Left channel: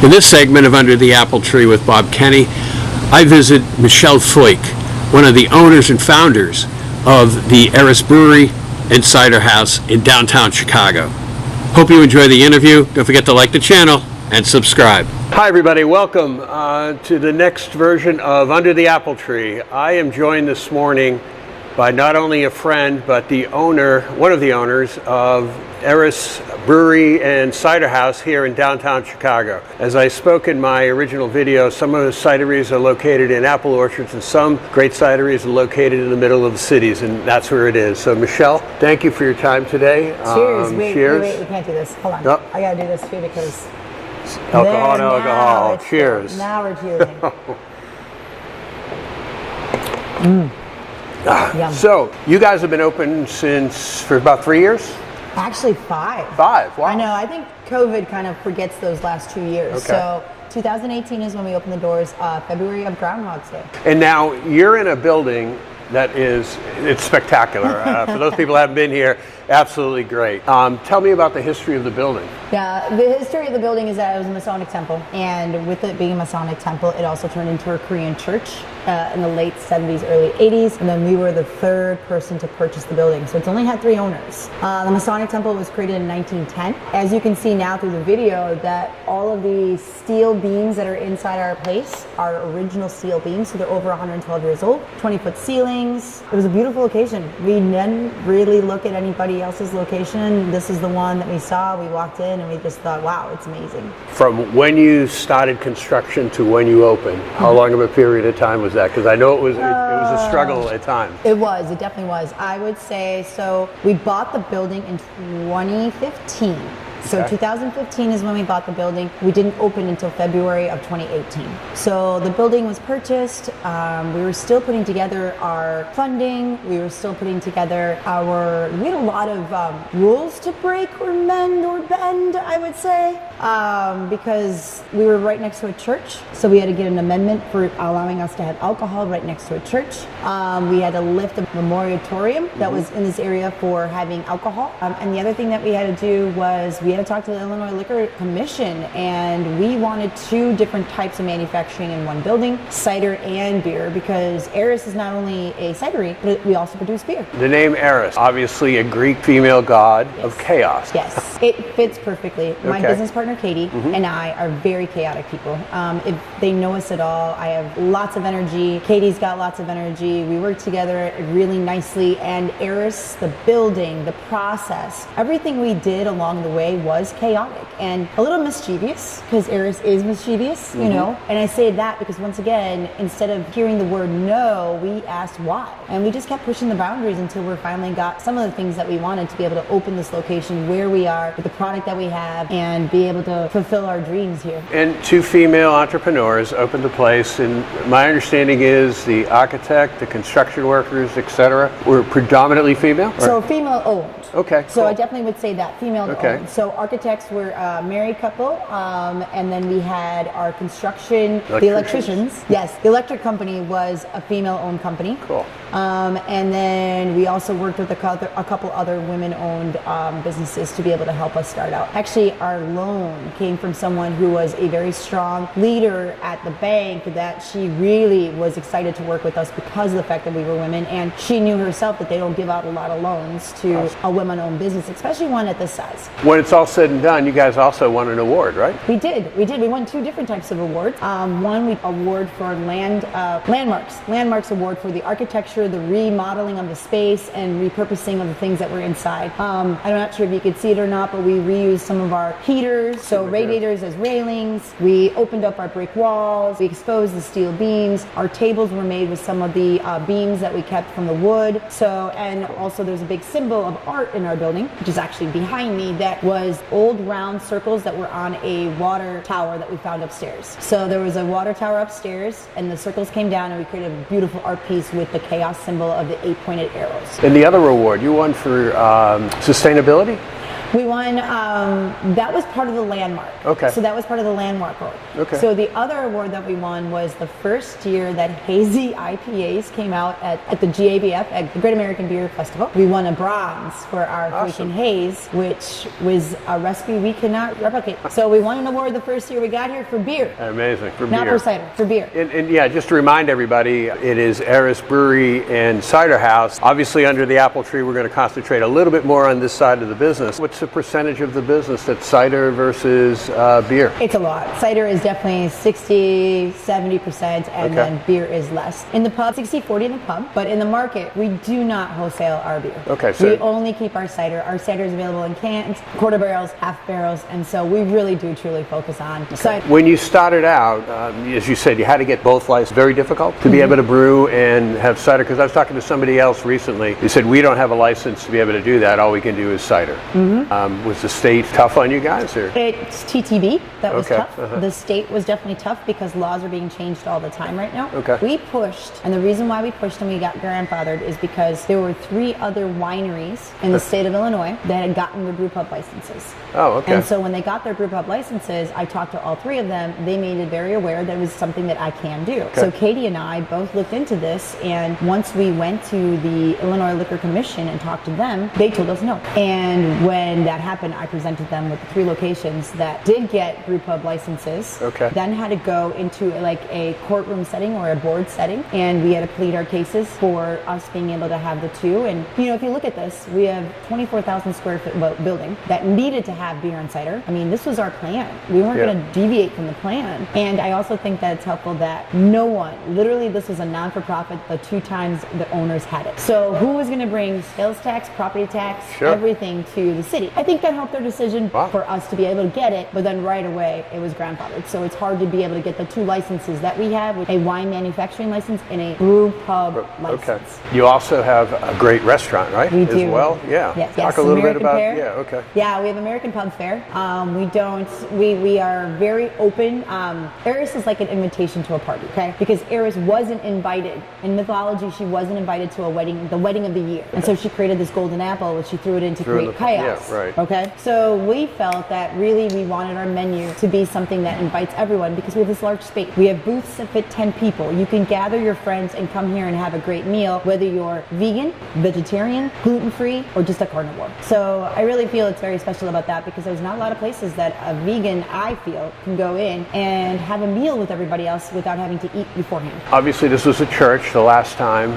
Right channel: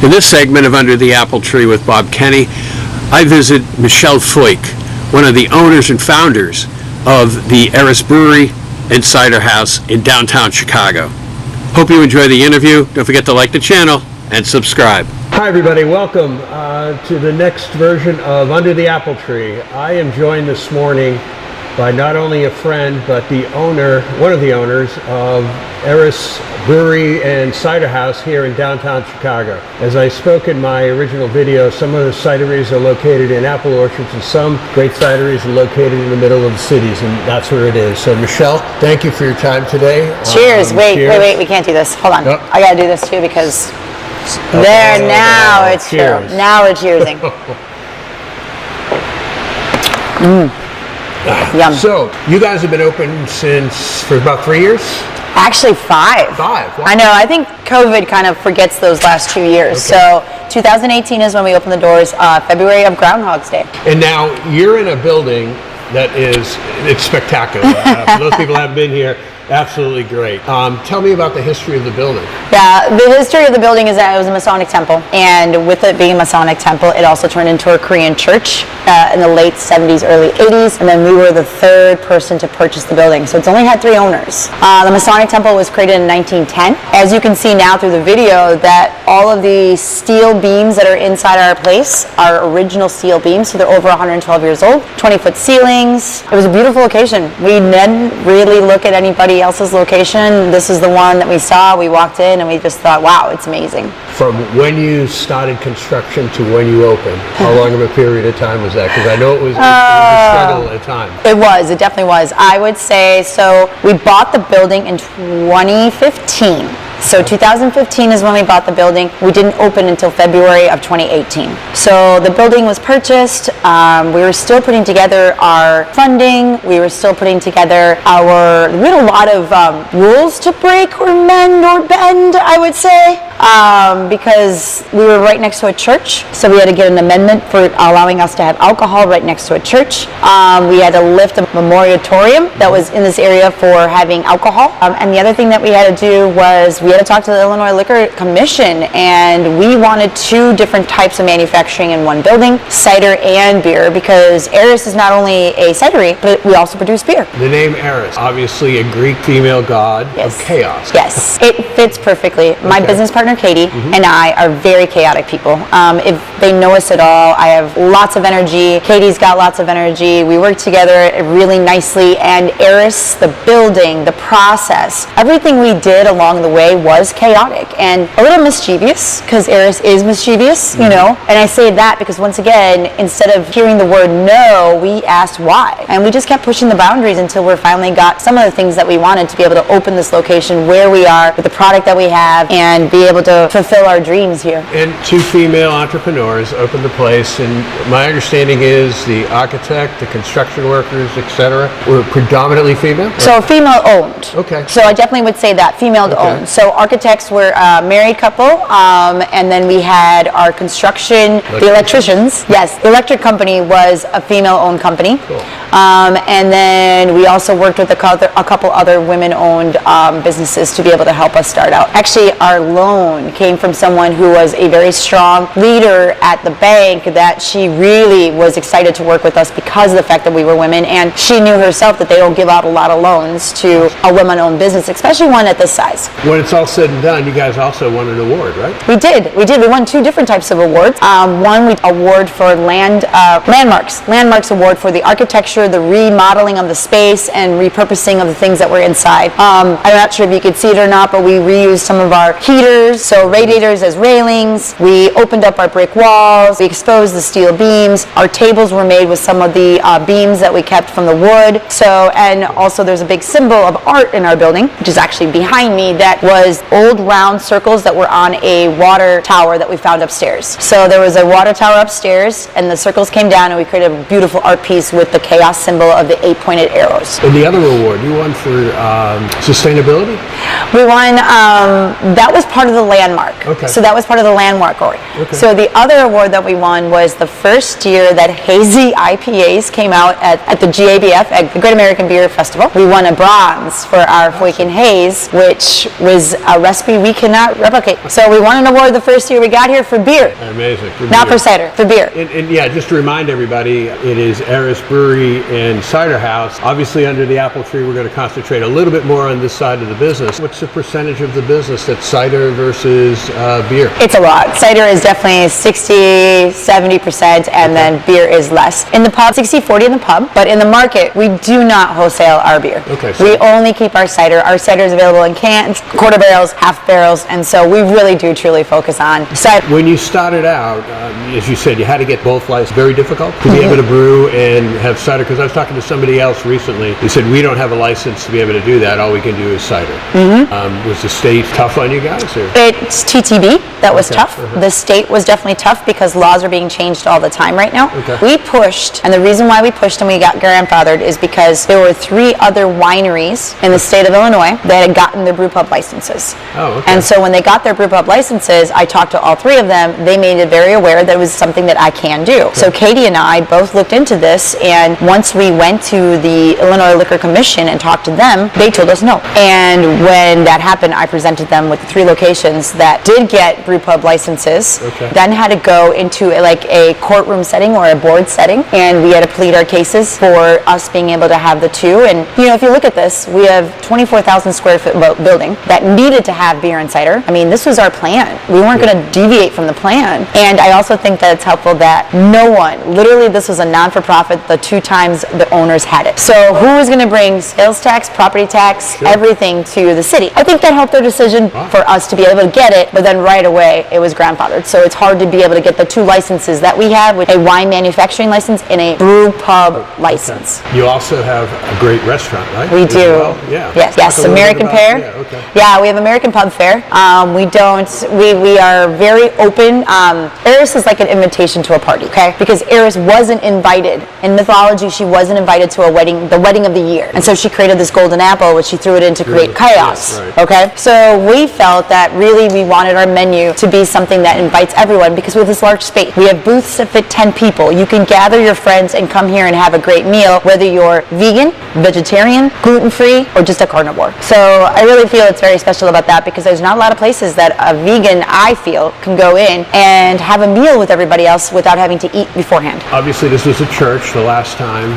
In this segment of Under the Apple Tree with Bob Kenny, I visit Michelle Foik, one of the owners and founders of the Eris Brewery and Cider House in downtown Chicago. Hope you enjoy the interview. Don't forget to like the channel and subscribe. Hi everybody, welcome to the next version of Under the Apple Tree. I am joined this morning by not only a friend, but the owner, one of the owners of Eris Brewery and Cider House here in downtown Chicago. As I spoke in my original video, some of the cideries are located in apple orchards and some great cideries are located in the middle of the cities, and that's where it is. So Michelle, thank you for your time today. Cheers. Wait, we can't do this. Hold on. Oh. I gotta do this too because now it's cheers. Now we're cheersing. Yum. So, you guys have been open for about 3 years? Actually, 5. 5? Wow. I know. I think COVID kind of forgets those last 2 years. Okay. So, 2018 is when we opened the doors, February of Groundhog's Day. And now, you're in a building that it's spectacular. For those people who haven't been here, absolutely great. Tell me about the history of the building. Yeah, the history of the building is that it was a Masonic temple, and with it being a Masonic temple, it also turned into a Korean church in the late 70s, early 80s, and then we were the third person to purchase the building, so it's only had 3 owners. The Masonic temple was created in 1910. As you can see now through the video, that all of the steel beams that are inside our place are original steel beams, so they're over 112 years old, 20-foot ceilings. It was a beautiful location. We didn't really look at anybody else's location. This is the one that we saw. We walked in and we just thought, wow, it's amazing. From when you started construction to when you opened, how long of a period of time was that? Because I know it was a struggle at a time. It definitely was. I would say, so we bought the building in 2015. So 2015 is when we bought the building. We didn't open until February of 2018. So the building was purchased. We were still putting together our funding. We were still putting together we had a lot of rules to break or mend or bend, I would say, because we were right next to a church. So we had to get an amendment for allowing us to have alcohol right next to a church. We had to lift a moratorium that was in this area for having alcohol. And the other thing that we had to do was we had to talk to the Illinois Liquor Commission, and we wanted 2 different types of manufacturing in one building, cider and beer, because Eris is not only a cidery, but we also produce beer. The name Eris, obviously a Greek female god of chaos. Yes, it fits perfectly. My business partner Katie and I are very chaotic people. If they know us at all, I have lots of energy. Katie's got lots of energy. We work together really nicely, and Eris, the building, the process, everything we did along the way was chaotic and a little mischievous, because Eris is mischievous, you know. And I say that because, once again, instead of hearing the word no, we asked why. And we just kept pushing the boundaries until we finally got some of the things that we wanted to be able to open this location where we are with the product that we have and be able to fulfill our dreams here. And 2 female entrepreneurs opened the place, and my understanding is the architect, the construction workers, etc., were predominantly female? So female owned. Okay. So I definitely would say that, female owned. So architects were a married couple, and then we had our construction, the electricians. Yes, the electric company was a female-owned company. Cool. And then we also worked with a couple other women-owned businesses to be able to help us start out. Actually, our loan came from someone who was a very strong leader at the bank, that she really was excited to work with us because of the fact that we were women, and she knew herself that they don't give out a lot of loans to a women-owned business, especially one at this size. When it's all said and done, you guys also won an award, right? We did. We won 2 different types of awards. One, we award for landmarks award for the architecture, the remodeling of the space, and repurposing of the things that were inside. I'm not sure if you could see it or not, but we reused some of our heaters, so radiators as railings. We opened up our brick walls. We exposed the steel beams. Our tables were made with some of the beams that we kept from the wood. So, and also there's a big symbol of art in our building, which is actually behind me, that was old round circles that were on a water tower that we found upstairs. So there was a water tower upstairs, and the circles came down, and we created a beautiful art piece with the chaos chaos symbol of the 8-pointed arrows. And the other award you won for sustainability? We won, that was part of the landmark. Okay. So that was part of the landmark award. Okay. So the other award that we won was the first year that hazy IPAs came out at the GABF, at the Great American Beer Festival. We won a bronze for our Foik and Haze, which was a recipe we cannot replicate. So we won an award the first year we got here for beer. Amazing. For Not beer. for cider, for beer. And yeah, just to remind everybody, it is Eris Brewery and Cider House. Obviously, under the apple tree, we're going to concentrate a little bit more on this side of the business. What's the percentage of the business that's cider versus beer? It's a lot. Cider is definitely 60, 70%, and then beer is less. In the pub, 60-40 in the pub, but in the market, we do not wholesale our beer. Okay. So we only keep our cider. Our cider is available in cans, quarter barrels, half barrels, and so we really do truly focus on cider. when you started out, as you said, you had to get both licenses. Very difficult to be able to brew and have cider, because I was talking to somebody else recently. He said, we don't have a license to be able to do that. All we can do is cider. Was the state tough on you guys? Or? It's TTB that was Okay. tough. The state was definitely tough because laws are being changed all the time right now. Okay. We pushed, and the reason why we pushed and we got grandfathered is because there were 3 other wineries in the state of Illinois that had gotten their brew pub licenses. Oh, okay. And so when they got their brew pub licenses, I talked to all 3 of them. They made it very aware that it was something that I can do. So Katie and I both looked into this, and once we went to the Illinois Liquor Commission and talked to them, they told us no. And when that happened, I presented them with the 3 locations that did get brew pub licenses, Okay. then had to go into a courtroom setting or a board setting, and we had to plead our cases for us being able to have the 2. And if you look at this, we have 24,000 square foot building that needed to have beer and cider. I mean, this was our plan. We weren't going to deviate from the plan. And I also think that it's helpful that no one, literally this was a non-for-profit, the 2 times the owners had it. So who was going to bring sales tax, property tax, everything to the city? I think that helped their decision for us to be able to get it, but then right away it was grandfathered. So it's hard to be able to get the 2 licenses that we have, with a wine manufacturing license and a brew pub license. You also have a great restaurant, right? We As do. well? Yeah. Yes. Talk a little bit American about- Pear. Yeah, okay. Yeah, we have American Pub Fare. We are very open. Eris is like an invitation to a party, okay? Because Eris wasn't invited. In mythology, she wasn't invited to a wedding, the wedding of the year. And so she created this golden apple, which she threw it in to create chaos. Yeah, right. Okay? So we felt that really we wanted our menu to be something that invites everyone, because we have this large space. We have booths that fit 10 people. You can gather your friends and come here and have a great meal, whether you're vegan, vegetarian, gluten-free, or just a carnivore. So I really feel it's very special about that, because there's not a lot of places that a vegan, I feel, can go in and have a meal with everybody else without having to eat beforehand. Obviously, this was a church the last time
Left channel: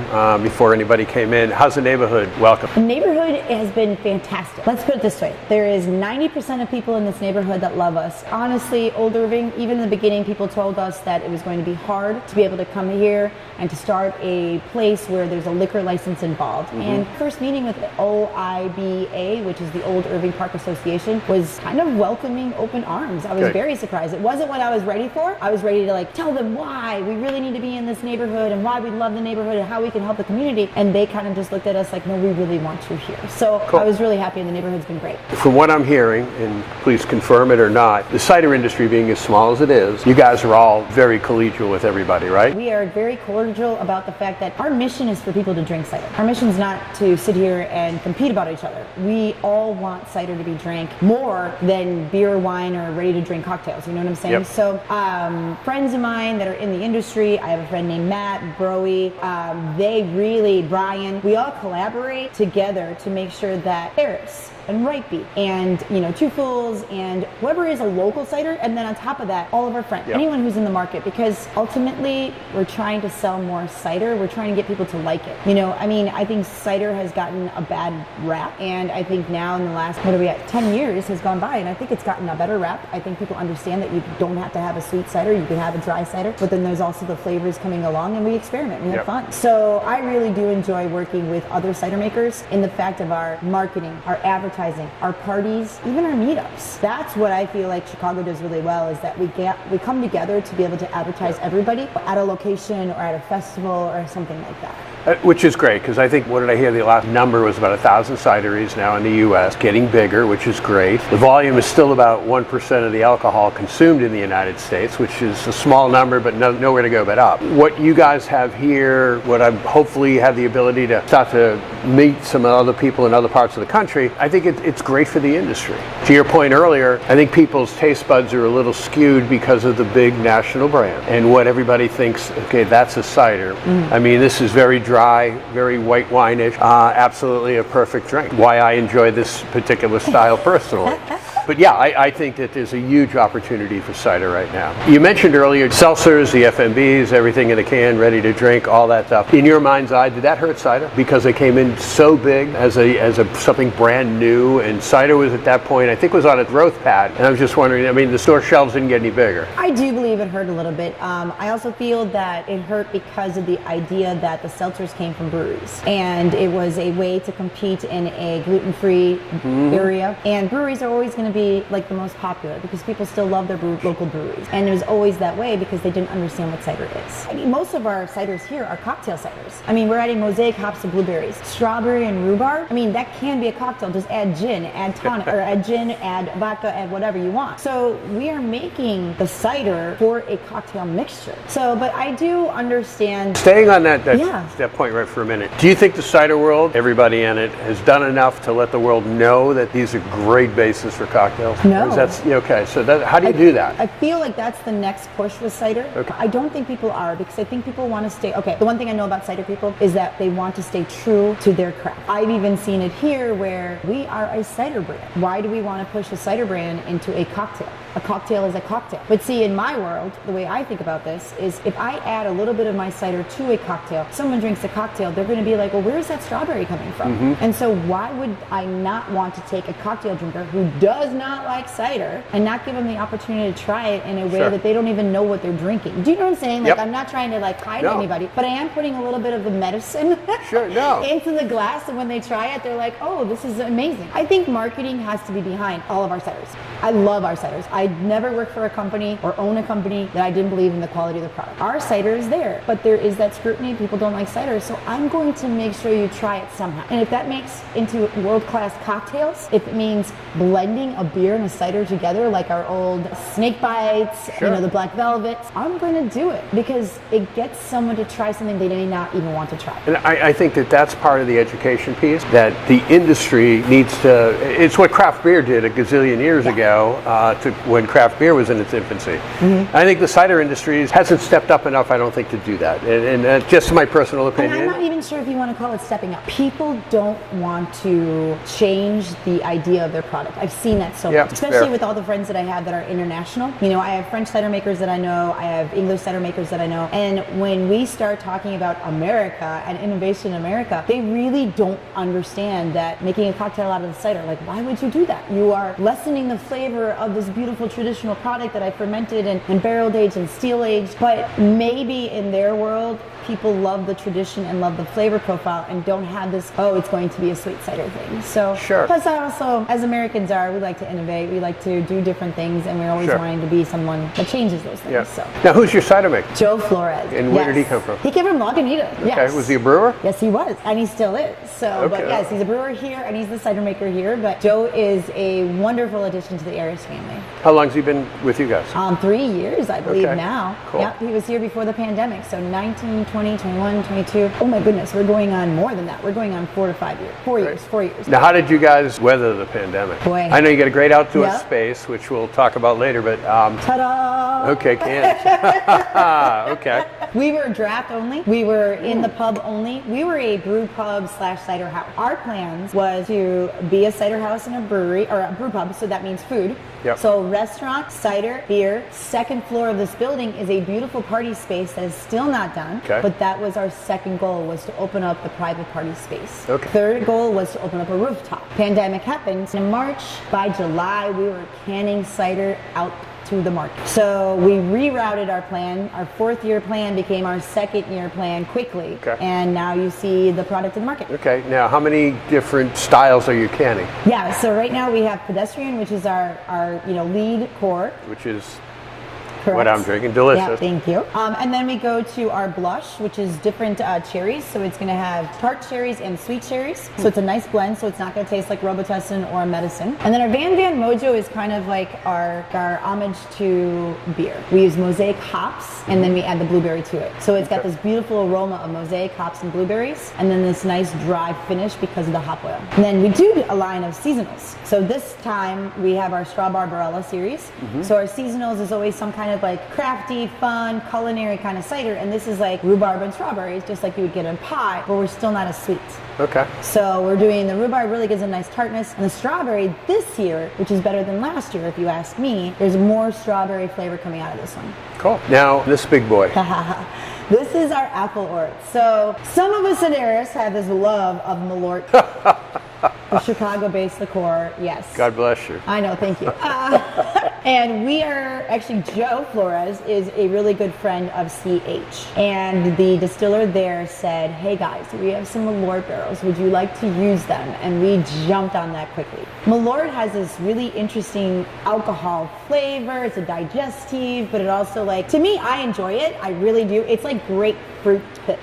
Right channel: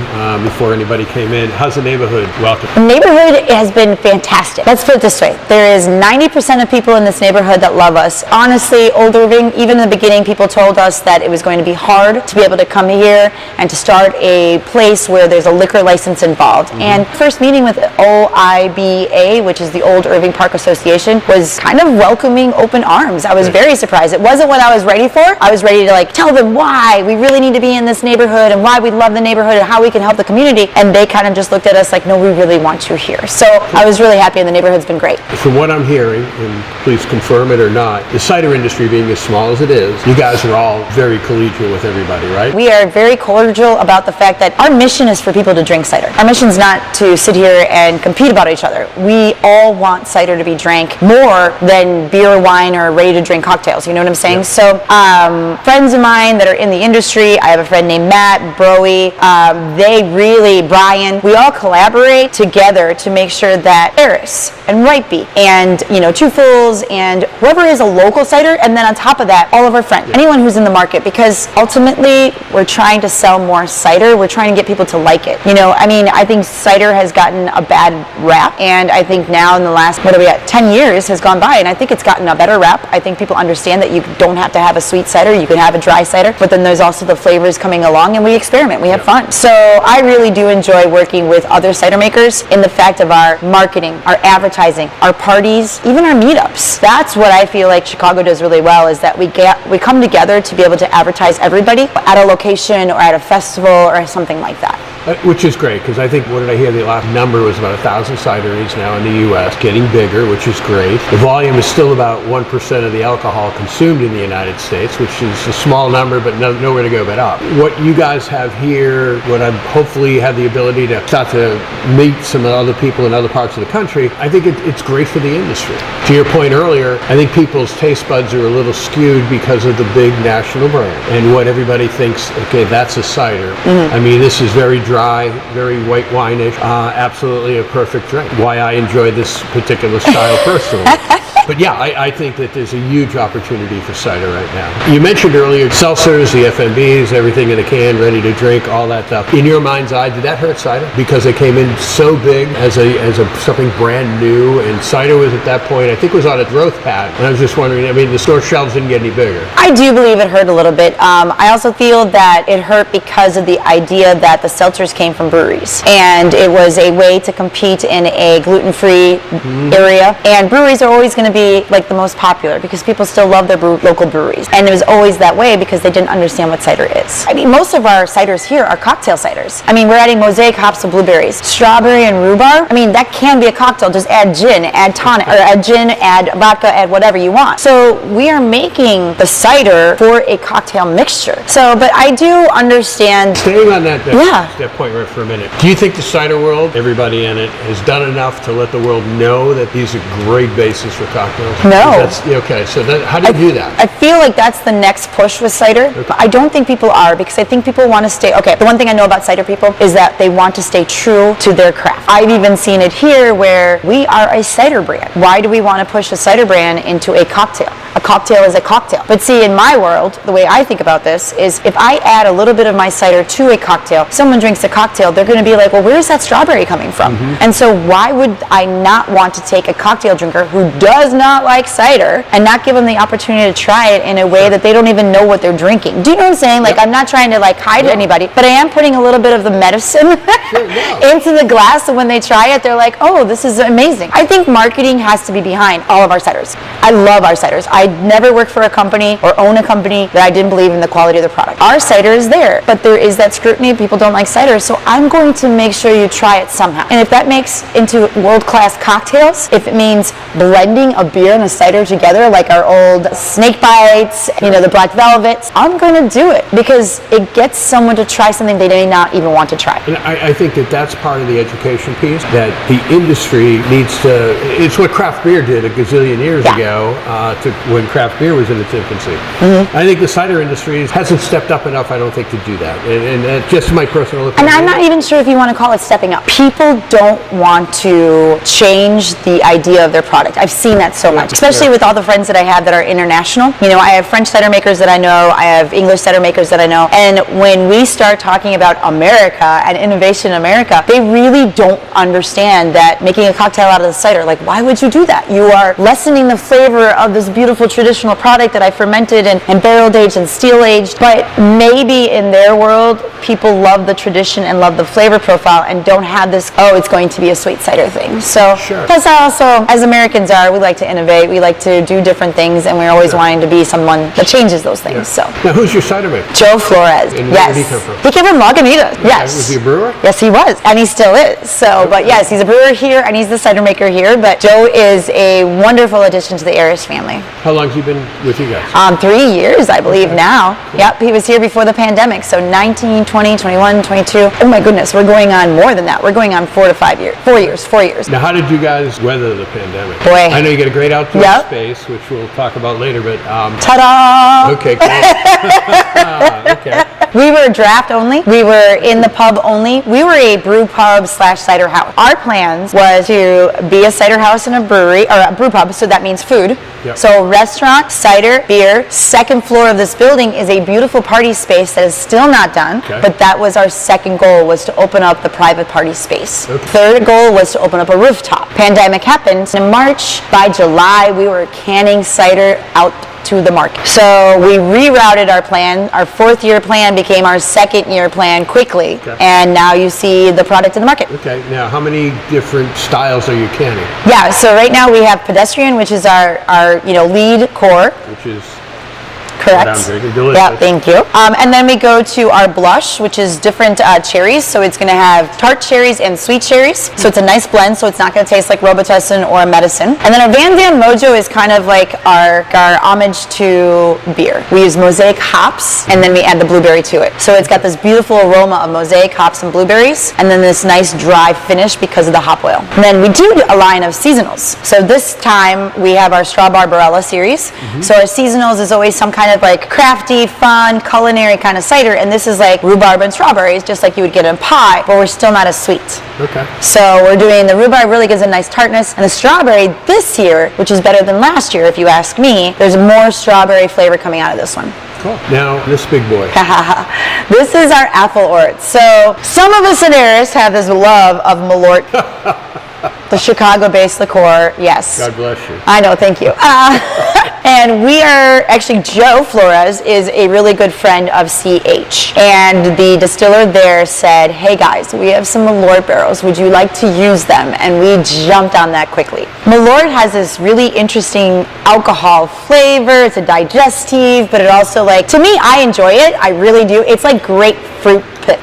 before anybody came in. How's the neighborhood welcome? The neighborhood has been fantastic. Let's put it this way. There is 90% of people in this neighborhood that love us. Honestly, Old Irving, even in the beginning, people told us that it was going to be hard to be able to come here and to start a place where there's a liquor license involved. And first meeting with OIBA, which is the Old Irving Park Association, was kind of welcoming open arms. I was very surprised. It wasn't what I was ready for. I was ready to tell them why we really need to be in this neighborhood and why we love the neighborhood and how we can help the community. And they kind of just looked at us like, no, we really want you here. So I was really happy, and the neighborhood's been great. From what I'm hearing, and please confirm it or not, the cider industry being as small as it is, you guys are all very collegial with everybody, right? We are very cordial about the fact that our mission is for people to drink cider. Our mission is not to sit here and compete about each other. We all want cider to be drank more than beer, wine, or ready-to-drink cocktails. You know what I'm saying? Yep. So friends of mine that are in the industry, I have a friend named Matt, Broey, Brian, we all collaborate together to make sure that Eris and Ripey and, Two Fools and whoever is a local cider, and then on top of that, all of our friends, anyone who's in the market, because ultimately we're trying to sell more cider. We're trying to get people to like it. I think cider has gotten a bad rap, and I think now in the last, 10 years has gone by, and I think it's gotten a better rap. I think people understand that you don't have to have a sweet cider, you can have a dry cider, but then there's also the flavors coming along, and we experiment, we have fun. So I really do enjoy working with other cider makers in the fact of our marketing, our advertising, our parties, even our meetups. That's what I feel like Chicago does really well, is that we come together to be able to advertise everybody at a location or at a festival or something like that. Which is great, because I think, what did I hear? The last number was about 1,000 cideries now in the U.S., getting bigger, which is great. The volume is still about 1% of the alcohol consumed in the United States, which is a small number, but nowhere to go but up. What you guys have here, what I hopefully have the ability to start to meet some other people in other parts of the country, I think it's great for the industry. To your point earlier, I think people's taste buds are a little skewed because of the big national brand and what everybody thinks, okay, that's a cider. I mean, this is very dry, very white wine-ish, absolutely a perfect drink. Why I enjoy this particular style personally. But yeah, I think that there's a huge opportunity for cider right now. You mentioned earlier seltzers, the FMBs, everything in a can, ready to drink, all that stuff. In your mind's eye, did that hurt cider? Because it came in so big as something brand new, and cider was at that point, I think, was on a growth pad. And I was just wondering, I mean, the store shelves didn't get any bigger. I do believe it hurt a little bit. I also feel that it hurt because of the idea that the seltzers came from breweries. And it was a way to compete in a gluten-free area. And breweries are always going to be like the most popular because people still love their local breweries. And it was always that way because they didn't understand what cider is. I mean, most of our ciders here are cocktail ciders. I mean, we're adding mosaic hops to blueberries. Strawberry and rhubarb, I mean, that can be a cocktail. Just add gin, add tonic, or add gin, add vodka, add whatever you want. So we are making the cider for a cocktail mixture. So, but I do understand. Staying on that point right for a minute. Do you think the cider world, everybody in it, has done enough to let the world know that these are great bases for cocktails? No. Okay, so how do you do that? I feel like that's the next push with cider. Okay. I don't think people are, because I think people want to stay, the one thing I know about cider people is that they want to stay true to their craft. I've even seen it here where we are a cider brand. Why do we want to push a cider brand into a cocktail? A cocktail is a cocktail. But see, in my world, the way I think about this is if I add a little bit of my cider to a cocktail, someone drinks a cocktail, they're going to be like, well, where's that strawberry coming from? And so why would I not want to take a cocktail drinker who does not like cider and not give them the opportunity to try it in a way that they don't even know what they're drinking? Do you know what I'm saying? Like, I'm not trying to hide anybody, but I am putting a little bit of the medicine into the glass, so when they try it, they're like, oh, this is amazing. I think marketing has to be behind all of our ciders. I love our ciders. I never worked for a company or own a company that I didn't believe in the quality of the product. Our cider is there, but there is that scrutiny. People don't like cider, so I'm going to make sure you try it somehow. And if that makes into world-class cocktails, if it means blending a beer and a cider together, like our old snake bites, the black velvets, I'm going to do it because it gets someone to try something they may not even want to try. And I think that that's part of the education piece, that the industry needs to, it's what craft beer did a gazillion years ago, when craft beer was in its infancy. I think the cider industry hasn't stepped up enough, I don't think, to do that. And just my personal opinion. And I'm not even sure if you want to call it stepping up. People don't want to change the idea of their product. I've seen that so much, especially with all the friends that I have that are international. I have French cider makers that I know, I have English cider makers that I know, and when we start talking about America and innovation in America, they really don't understand that making a cocktail out of the cider, like, why would you do that? You are lessening the flavor of this beautiful traditional product that I fermented and barrel aged and steel aged, but maybe in their world, people love the tradition and love the flavor profile and don't have this, it's going to be a sweet cider thing. So, plus also, as Americans are, we like to innovate, we like to do different things, and we're always wanting to be someone that changes those things. So. Now, who's your cider maker? Joe Flores. And where did he come from? He came from Lagunitas. Okay. Yes. Was he a brewer? Yes, he was, and he still is. So, but yes, he's a brewer here, and he's the cider maker here. But Joe is a wonderful addition to the Eris family. How long has he been with you guys? 3 years, I believe now. Cool. Yep, he was here before the pandemic. So 19, 20, 21, 22. Oh my goodness, we're going on more than that. We're going on 4 to 5 years. 4 years. 4 years. Now, how did you guys weather the pandemic? Boy. I know you got a great outdoor space, which we'll talk about later, but... Ta-da! Okay, cool. Okay. We were draft only. We were in the pub only. We were a brew pub / cider house. Our plans was to be a cider house and a brewery, or a brew pub, so that means food. Yep. So restaurant, cider, beer. Second floor of this building is a beautiful party space that is still not done, but that was our second goal, was to open up the private party space. Okay. Third goal was to open up a rooftop. Pandemic happened. In March, by July, we were canning cider out to the market. So we rerouted our plan. Our 4th year plan became our 2nd year plan quickly. Okay. And now you see the product in the market. Okay. Now, how many different styles are you canning? Yeah. So right now we have pedestrian, which is our lead core. Which is? Correct. What I'm drinking. Delicious. Yeah, thank you. And then we go to our blush, which is different cherries. So it's going to have tart cherries and sweet cherries. So it's a nice blend, so it's not going to taste like Robitussin or medicine. And then our Van Dam Mojo is kind of like our homage to beer. We use mosaic hops, and then we add the blueberry to it. So it's got this beautiful aroma of mosaic hops and blueberries, and then this nice dry finish because of the hop oil. And then we do a line of seasonals. So this time we have our Straw Barbarella series. So our seasonals is always some kind of like crafty, fun, culinary kind of cider, and this is like rhubarb and strawberries, just like you would get in pie, but we're still not as sweet. Okay. So we're doing the rhubarb, really gives a nice tartness, and the strawberry this year, which is better than last year if you ask me, there's more strawberry flavor coming out of this one. Cool. Now, this big boy. This is our apple ort. So some of us at Eris have this love of Malort, the Chicago-based liqueur. Yes. God bless you. I know, thank you. And we are, actually, Joe Flores is a really good friend of CH. And the distiller there said, hey guys, we have some Malort barrels. Would you like to use them? And we jumped on that quickly. Malort has this really interesting alcohol flavor. It's a digestive, but it also to me, I enjoy it. I really do. It's like grapefruit pit.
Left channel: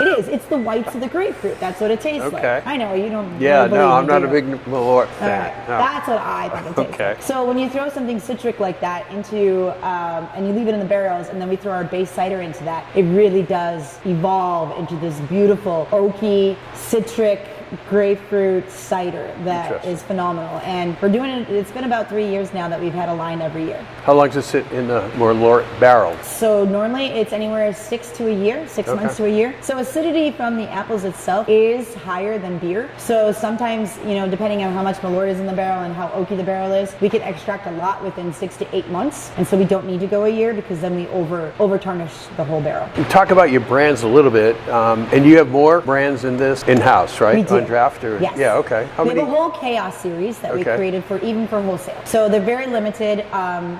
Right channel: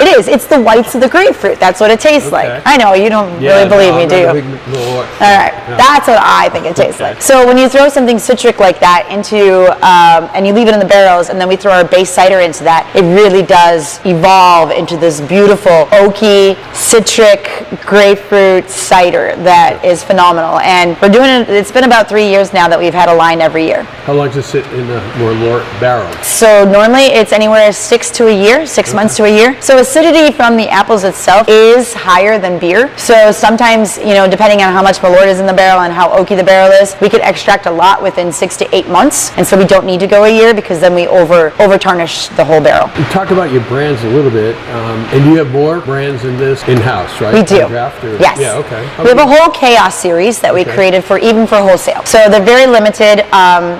It is. It's the whites of the grapefruit. That's what it tastes like. I know, you don't really believe me, do you? All right. No. That's what I think it tastes like. So when you throw something citric like that into, and you leave it in the barrels, and then we throw our base cider into that, it really does evolve into this beautiful oaky, citric, grapefruit cider that is phenomenal. And we're doing it, it's been about 3 years now that we've had a line every year. How long does it sit in the Malort barrel? So normally it's anywhere 6 to a year, 6 months to a year. So acidity from the apples itself is higher than beer. So sometimes, depending on how much Malort is in the barrel and how oaky the barrel is, we could extract a lot within 6 to 8 months. And so we don't need to go a year because then we over tarnish the whole barrel. You talk about your brands a little bit, and you have more brands in this in-house, right? We do. Draft or? Yes. Yeah, okay. We have a whole Chaos series that we created even for wholesale. So they're very limited.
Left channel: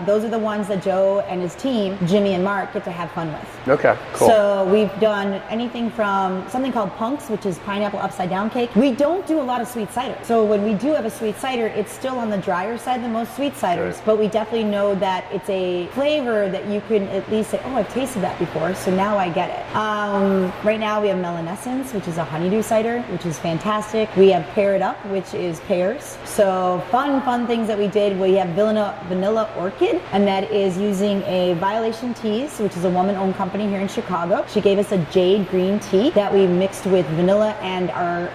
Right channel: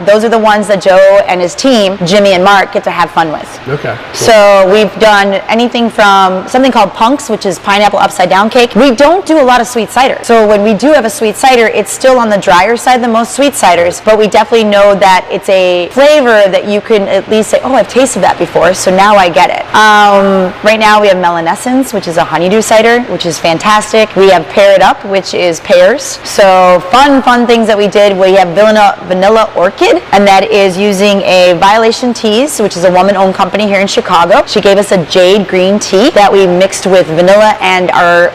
Those are the ones that Joe and his team, Jimmy and Mark, get to have fun with. Okay. Cool. So we've done anything from something called Punks, which is pineapple upside down cake. We don't do a lot of sweet cider. So when we do have a sweet cider, it's still on the drier side than most sweet ciders, but we definitely know that it's a flavor that you can at least say, oh, I've tasted that before, so now I get it. Right now we have Melanescence, which is a honeydew cider, which is fantastic. We have Pair It Up, which is pears. So fun things that we did. We have Vanilla Orchid, and that is using a Violation Teas, which is a woman-owned company here in Chicago. She gave us a jade green tea that we mixed with vanilla and our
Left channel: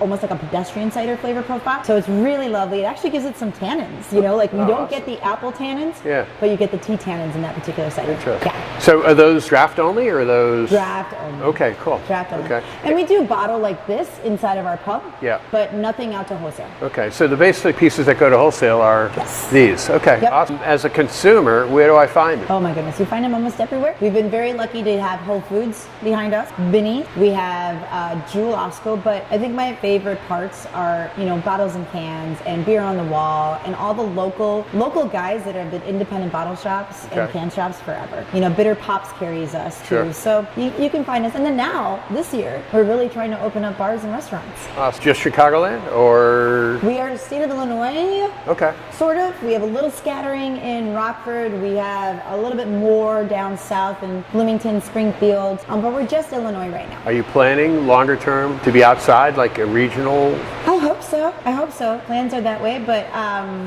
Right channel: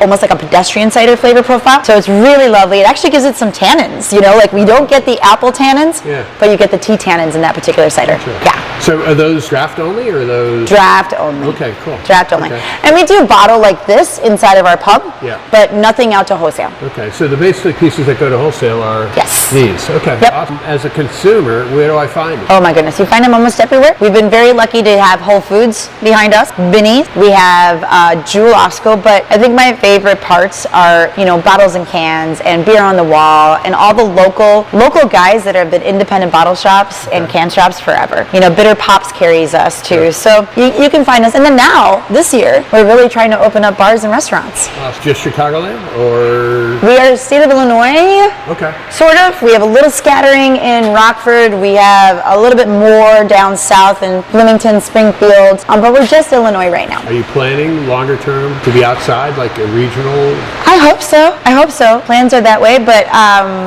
almost like a pedestrian cider flavor profile. So it's really lovely. It actually gives it some tannins. We don't get the apple tannins, but you get the tea tannins in that particular cider. Sure. Yeah. So are those draft only or are those? Draft only. Okay, cool. Draft only. Okay. And we do bottle like this inside of our pub, but nothing out to wholesale. Okay, so the basic pieces that go to wholesale are these. Okay, awesome. As a consumer, where do I find it? Oh my goodness, you find them almost everywhere. We've been very lucky to have Whole Foods behind us, Binny's. We have Jewel Osco, but I think my favorite parts are, bottles and cans and beer on the wall and all the local guys that have been independent bottle shops and can shops forever. Bitter Pops carries us too. Sure. So you can find us. And then now, this year, we're really trying to open up bars and restaurants. Just Chicagoland or? We are state of Illinois. Okay. Sort of. We have a little scattering in Rockford. We have a little bit more down south in Bloomington, Springfield. But we're just Illinois right now. Are you planning longer term to be outside, like a regional? I hope so. Plans are that way, but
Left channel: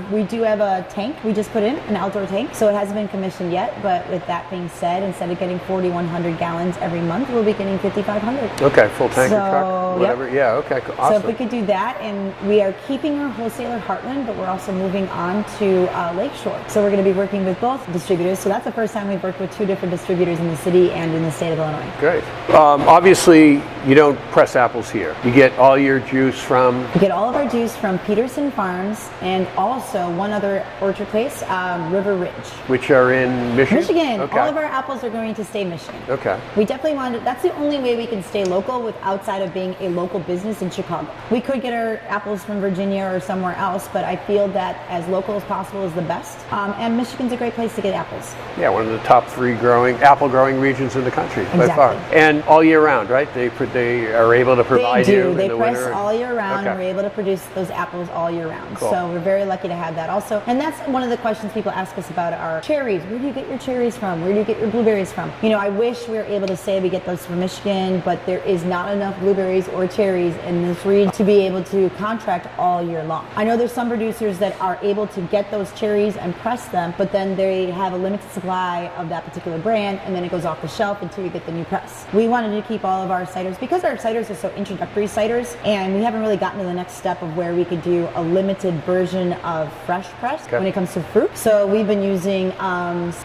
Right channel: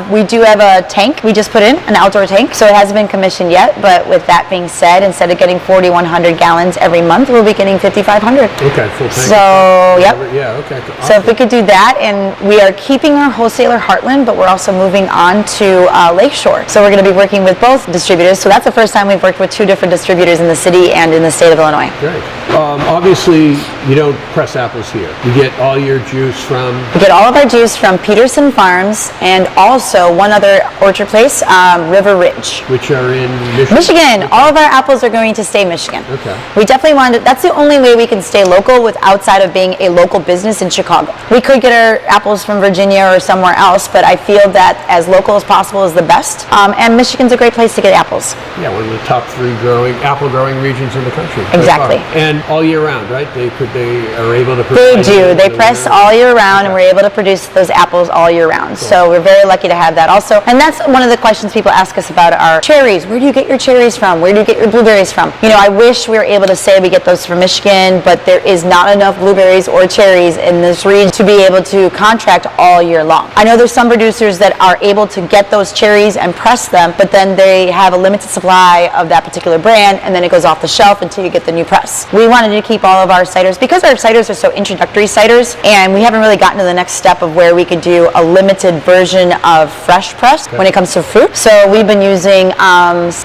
we do have a tank we just put in, an outdoor tank. So it hasn't been commissioned yet, but with that being said, instead of getting 4,100 gallons every month, we'll be getting 5,500. Okay, full tank. So, yep. Yeah, okay. Awesome. So if we could do that, and we are keeping our wholesaler Heartland, but we're also moving on to Lakeshore. So we're going to be working with both distributors. So that's the first time we've worked with 2 different distributors in the city and in the state of Illinois. Great. Obviously, you don't press apples here. You get all your juice from? We get all of our juice from Peterson Farms and also one other orchard place, River Ridge. Which are in Michigan? Michigan. Okay. All of our apples are going to stay Michigan. Okay. We definitely wanted, that's the only way we can stay local with outside of being a local business in Chicago. We could get our apples from Virginia or somewhere else, but I feel that as local as possible is the best. And Michigan's a great place to get apples. Yeah, one of the top 3 apple growing regions in the country. Exactly. And all year round, right? They are able to They provide. do. They press all year round, and we're able to produce those apples all year round. Cool. So we're very lucky to have that also. And that's one of the questions people ask us about our cherries. Where do you get your cherries from? Where do you get your blueberries from? You know, I wish we were able to say we get those from Michigan, but there is not enough blueberries or cherries in this region to be able to contract all year long. I know there's some producers that are able to get those cherries and press them, but then they have a limited supply of that particular brand, and then it goes off the shelf until you get the new press. We wanted to keep all of our ciders, because our ciders are so introductory ciders, and we haven't really gotten to the next step of where we could do a limited version of fresh press when it comes to fruit. So we've been using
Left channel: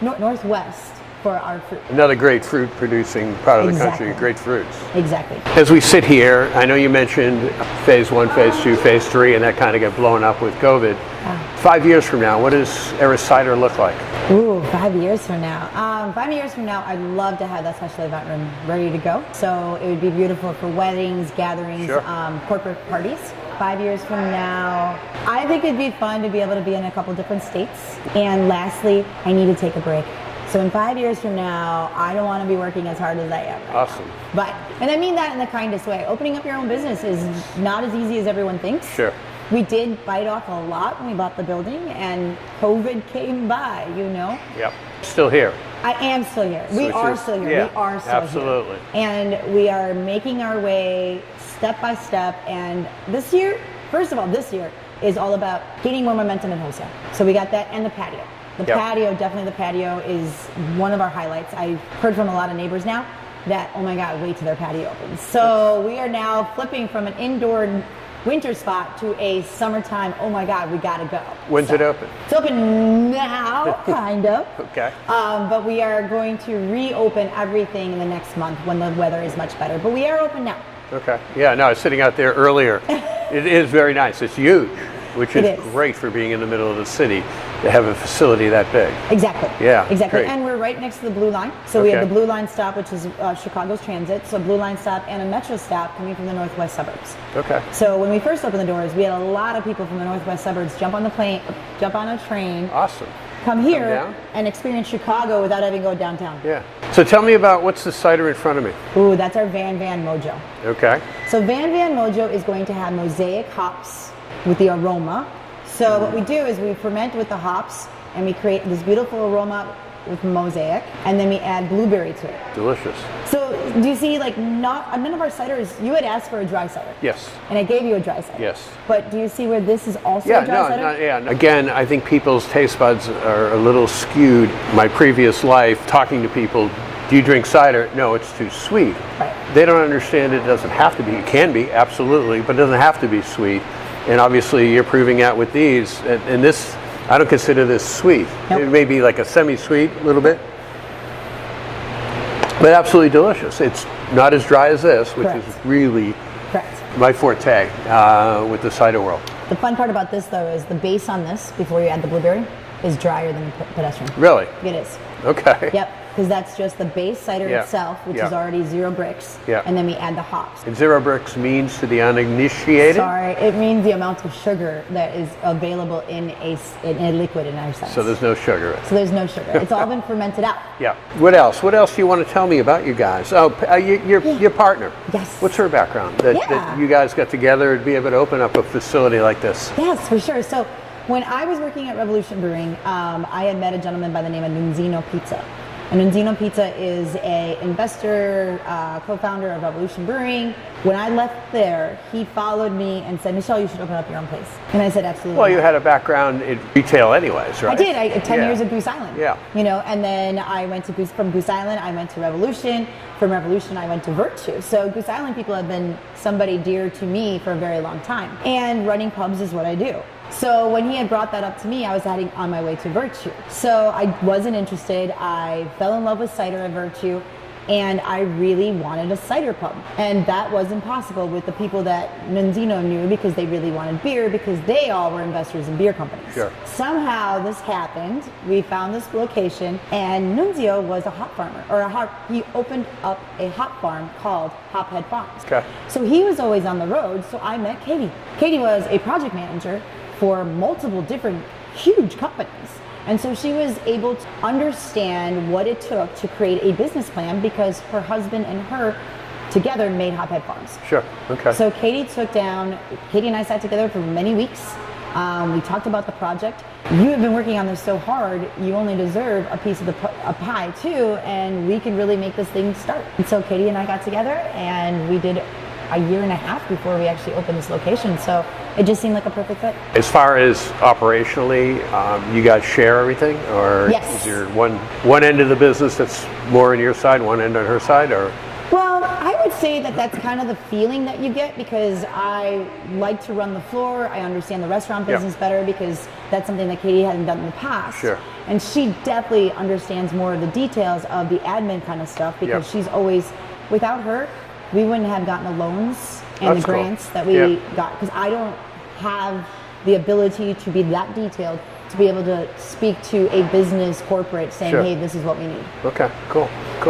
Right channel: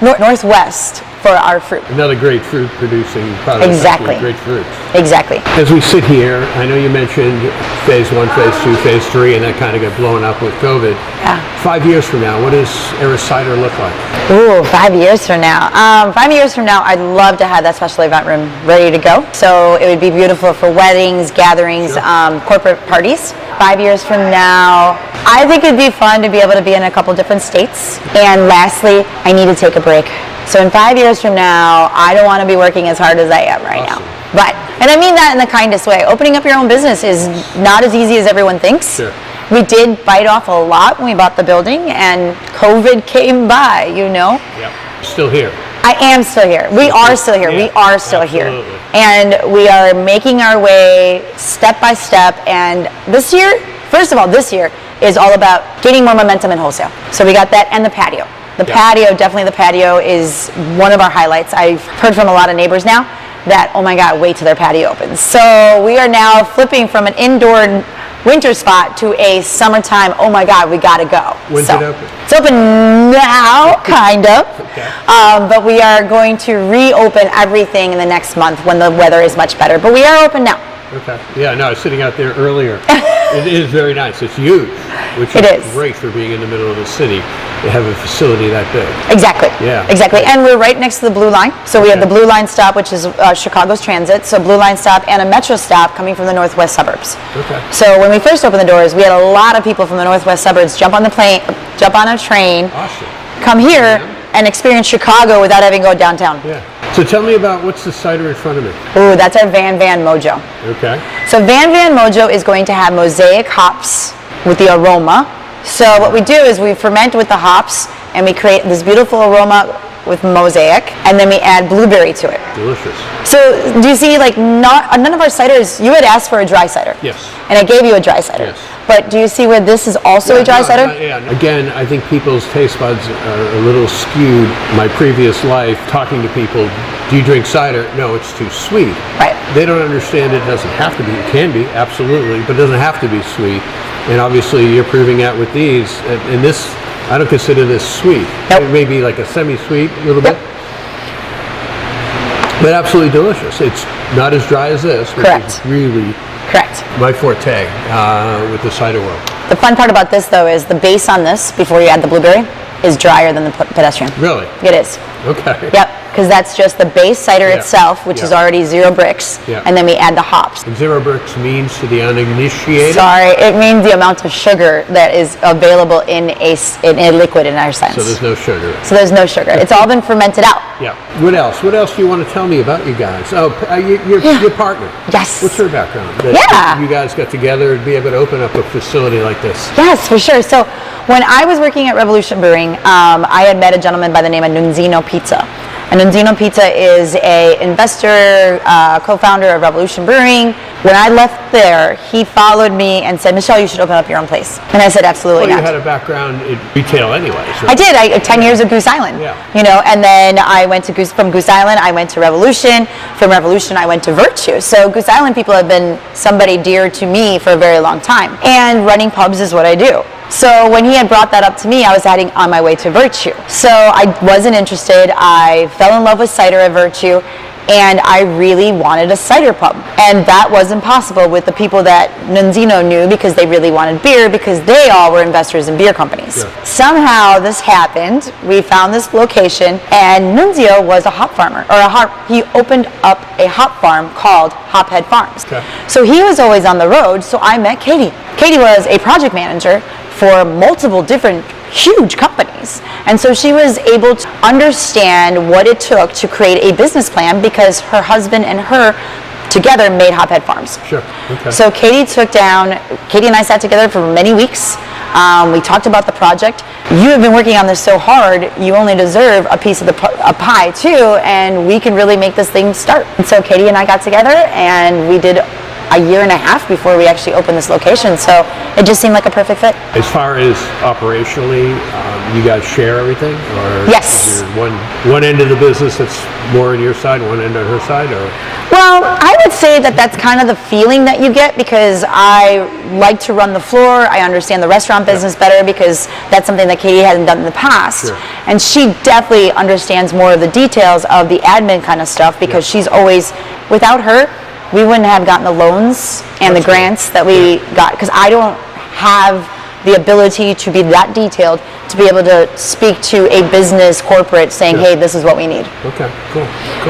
Northwest for our fruit. Another great fruit producing product. Exactly. Great fruits. Exactly. As we sit here, I know you mentioned phase 1, phase 2, phase 3, and that kind of got blown up with COVID. Yeah. 5 years from now, what does Eris Cider look like? Ooh, 5 years from now. 5 years from now, I'd love to have that special event room ready to go. So it would be beautiful for weddings, gatherings, Sure. corporate parties. 5 years from now, I think it'd be fun to be able to be in a couple different states. And lastly, I need to take a break. So in 5 years from now, I don't want to be working as hard as I am right Awesome. now. But, and I mean that in the kindest way. Opening up your own business is not as easy as everyone thinks. Sure. We did bite off a lot when we bought the building, and COVID came by, you know. Yep. Still here. I am still here. We are still here. We Yeah, are still here. absolutely. And we are making our way step by step. And this year, first of all, this year is all about getting more momentum in wholesale. So we got that, and the patio. The Yep. patio, definitely the patio is one of our highlights. I've heard from a lot of neighbors now that, oh my God, wait till their patio opens. So we are now flipping from an indoor winter spot to a summertime, oh my God, we gotta go. When's So, it open? It's open now, kind of. Okay. But we are going to reopen everything in the next month when the weather is much better. But we are open now. Okay. Yeah, no, I was sitting out there earlier. It is very nice. It's huge, which It is is. great for being in the middle of the city to have a facility that big. Exactly. Yeah, Exactly. great. And we're right next to the Blue Line. So we have Okay. the Blue Line stop, which is Chicago's transit. So Blue Line stop and a metro stop coming from the northwest suburbs. Okay. So when we first opened the doors, we had a lot of people from the northwest suburbs jump on the plane, jump on a train, Awesome. come here, Yeah. and experience Chicago without having to go downtown. Yeah. So tell me about what's the cider in front of me. Ooh, that's our Van Van Mojo. Okay. So Van Van Mojo is going to have mosaic hops with the aroma. So what we do is we ferment with the hops, and we create this beautiful aroma with mosaic, and then we add blueberry to it. Delicious. So do you see, like, none of our ciders, you had asked for a dry cider. Yes. And I gave you a dry cider. Yes. But do you see where this is also a dry cider? Yeah. Again, I think people's taste buds are a little skewed. My previous life, talking to people, do you drink cider? No, it's too sweet. Right. They don't understand it doesn't have to be. It can be, absolutely, but it doesn't have to be sweet. And obviously you're proving that with these. And this, I don't consider this sweet. Nope. It may be like a semi-sweet, a little Yep. bit. But absolutely delicious. It's not as dry as this, which Correct. is really Correct. my forte with the cider world. The fun part about this, though, is the base on this, before you add the blueberry, is drier than the pedestrian. Really? It is. Okay. Yep, because that's just the base cider Yeah. itself, which is Yeah. already 0 bricks, Yeah. and then we add the hops. And 0 bricks means to the uninitiated? Sorry, it means the amount of sugar that is available in a liquid in our sense. So there's no sugar. So there's no sugar. It's all been fermented out. Yeah. What else? What else do you want to tell me about you guys? Oh, your partner. Yes. What's her background? Yeah. You guys got together to be able to open up a facility like this. Yes, for sure. So when I was working at Revolution Brewing, I had met a gentleman by the name of Nunzino Pizza. And Nunzino Pizza is a investor, co-founder of Revolution Brewing. When I left there, he followed me and said, Michelle, you should open up your own place. And I said, absolutely Well, you not. had a background in retail anyways, right? I did. 10 years of Goose Island. Yeah. You know, and then I went to from Goose Island, I went to Revolution. From Revolution, I went to Virtue. So Goose Island people have been somebody dear to me for a very long time. And running pubs is what I do. So when he had brought that up to me, I was heading on my way to Virtue. So I wasn't interested. I fell in love with cider at Virtue, and I really wanted a cider pub. And that wasn't possible with the people that Nunzino knew, because they really wanted beer, because they all were investors in beer companies. Sure. Somehow this happened. We found this location, and Nunzio was a hop farmer, he opened up a hop farm called Hophead Farms. Okay. So he was always on the road, so I met Katie. Katie was a project manager for multiple different huge companies. And so she was able to understand what it took to create a business plan, because her husband and her together made Hophead Farms. Sure. Okay. So Katie and I sat together for many weeks. We talked about the project. You have been working on this so hard, you only deserve a piece of a pie too, and we can really make this thing start. And so Katie and I got together and we did a year and a half before we actually opened this location, so it just seemed like a perfect fit. As far as operationally, you guys share everything, or Yes. is there one end of the business that's more on your side, one end on her side, or? Well, I would say that that's kind of the feeling that you get, because I like to run the floor. I understand the restaurant business better because that's something that Katie hasn't done in the past. Sure. And she definitely understands more of the details of the admin kind of stuff, because she's always, without her, we wouldn't have gotten the loans and the grants that we got, because I don't have the ability to be that detailed to be able to speak to a business corporate saying, hey, this is what we need. Okay, cool.